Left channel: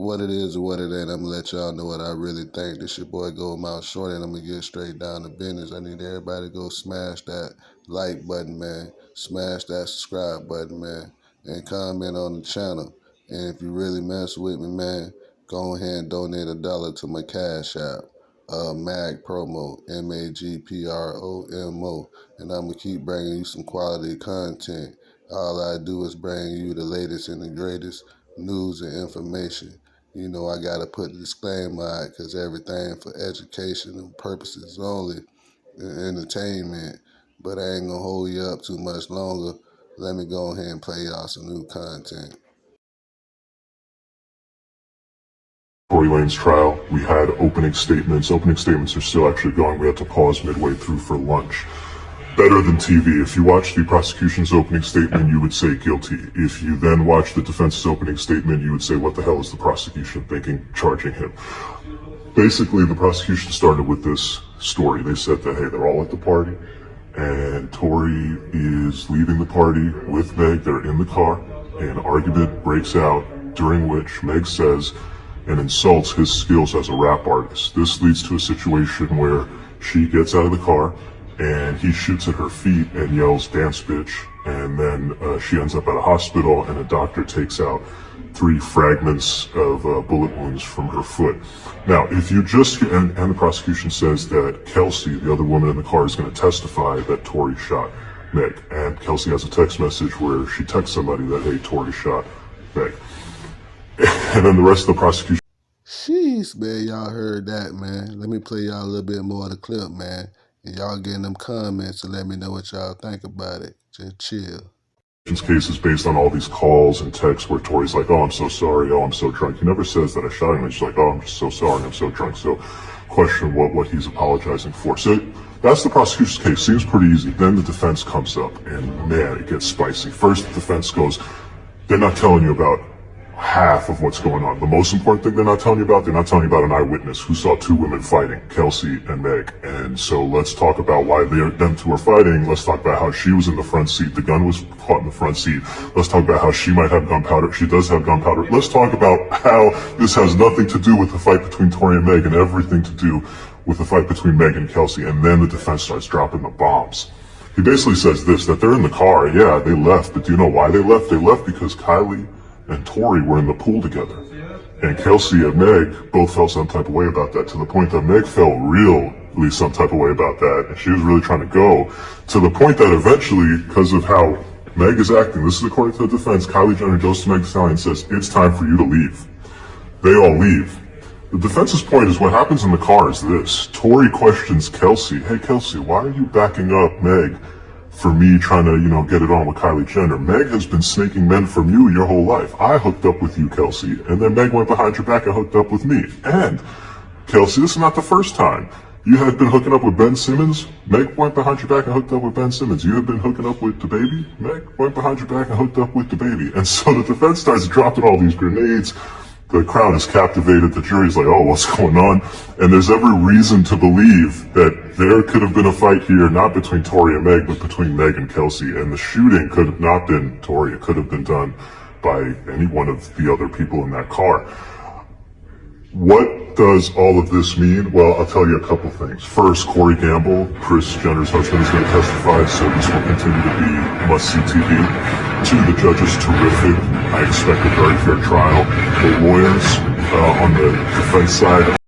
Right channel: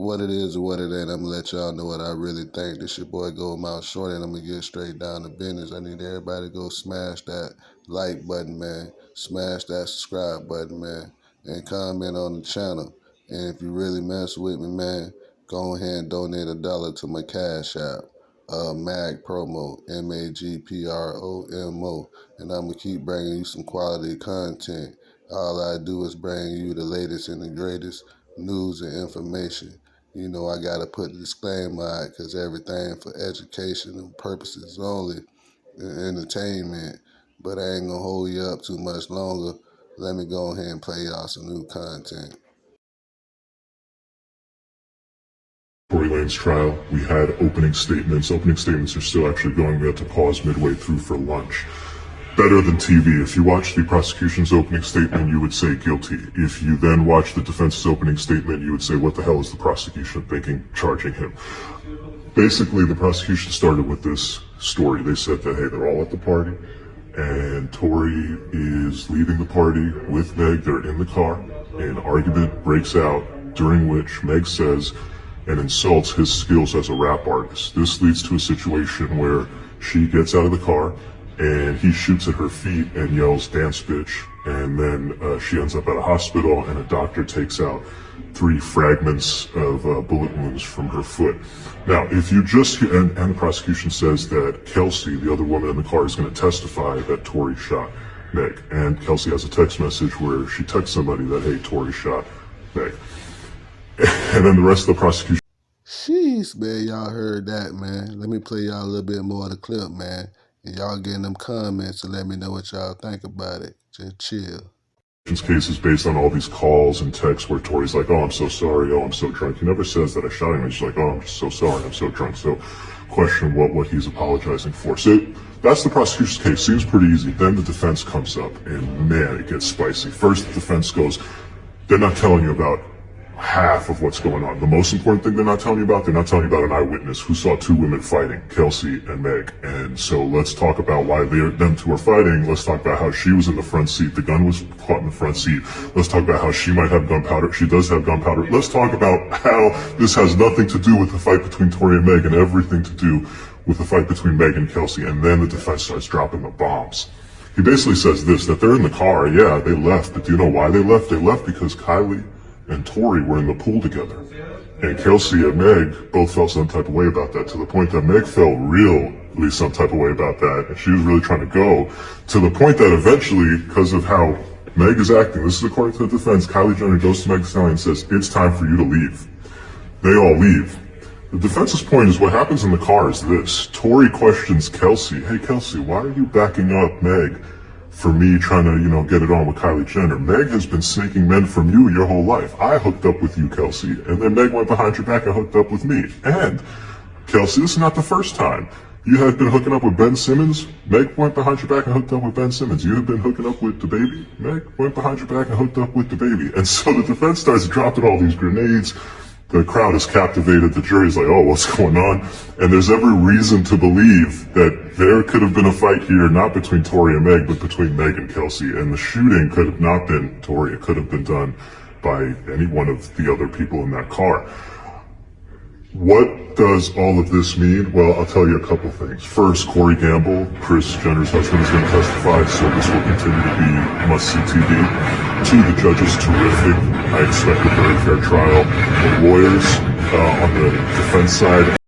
what it is or what it ain't, I'm gonna let y'all know what I really think. This your boy Go Mouth Short, and I'm gonna get straight down to business. I need everybody to go smash that like button, man. Smash that subscribe button, man. And comment on the channel. And if you really mess with me, man, go ahead and donate $1 to my Cash App. Mag Promo, MAGPROMO. And I'm gonna keep bringing you some quality content. All I do is bring you the latest and the greatest news and information. You know, I got to put the disclaimer out because everything for educational purposes only, and entertainment. But I ain't going to hold you up too much longer. Let me go ahead and play y'all some new content. Tory Lanez trial, we had opening statements. Opening statements are still actually going. We had to pause midway through for lunch. Better than TV. If you watch the prosecution's opening statement, you would say guilty. If you then watch the defense's opening statement, you would say, what the hell is the prosecution thinking, charging him? Basically, the prosecution started with this story. They said that, hey, they're all at the party, and Tory is leaving the party with Meg. They're in the car, and an argument breaks out, during which Meg says and insults his skills as a rap artist. This leads to a situation where she gets out of the car, and he shoots at her feet and yells, "Dance bitch," and then she ends up at a hospital, and a doctor takes out 3 fragments of bullet wounds from her foot. Now, if you just, and the prosecution says that Kelsey, the other woman in the car, is going to testify that Tory shot Meg, and Kelsey has a text message where she texts somebody that, hey, Tory shot Meg. And then the rest of the prosecution. Sheesh, man, y'all heard that, man. Let me play y'all a little bit more of the clip, man. And y'all get in them comments and let me know what y'all think about it. Just chill. Case is based on all these calls and texts where Tory's like, oh, I'm so sorry, oh, I'm so drunk. He never says that I shot him. He's like, oh, I'm so sorry, I'm so drunk. So question what he's apologizing for. So that's the prosecution's case. Seems pretty easy. Then the defense comes up, and man, it gets spicy. First, the defense goes, they're not telling you about half of what's going on. The most important thing they're not telling you about an eyewitness who saw 2 women fighting, Kelsey and Meg. And so let's talk about why them 2 are fighting. Let's talk about how she was in the front seat. The gun was caught in the front seat. Let's talk about how she might have gunpowder. She does have gunpowder. Let's talk about how this has nothing to do with the fight between Tory and Meg and everything to do with the fight between Meg and Kelsey. And then the defense starts dropping the bombs. He basically says this, that they're in the car. Yeah, they left. But do you know why they left? They left because Kylie and Tory were in the pool together. And Kelsey and Meg both felt some type of way about that, to the point that Meg felt really some type of way about that. And she was really trying to go, to the point that eventually, because of how Meg is acting, this is according to the defense, Kylie Jenner goes to Meg Thee Stallion and says, it's time for you to leave. They all leave. The defense's point is what happens in the car is this. Tory questions Kelsey, hey Kelsey, why are you backing up Meg for me trying to, get it on with Kylie Jenner? Meg has been snaking men from you your whole life. I hooked up with you, Kelsey, and then Meg went behind your back and hooked up with me. And, Kelsey, this is not the first time. You had been hooking up with Ben Simmons. Meg went behind your back and hooked up with Ben Simmons. You have been hooking up with the baby. Meg went behind your back and hooked up with the baby. And so the defense starts dropping all these grenades. The crowd is captivated. The jury's like, oh, what's going on? And there's every reason to believe that there could have been a fight here, not between Tory and Meg, but between Meg and Kelsey. And the shooting could have not been Tory. It could have been done by any one of the other people in that car. What does all of this mean? Well, I'll tell you a couple things. First, Corey Gamble, Kris Jenner's husband, is going to testify, so this will continue to be must-see TV. 2, the judge is terrific. I expect a very fair trial. The lawyers on the defense side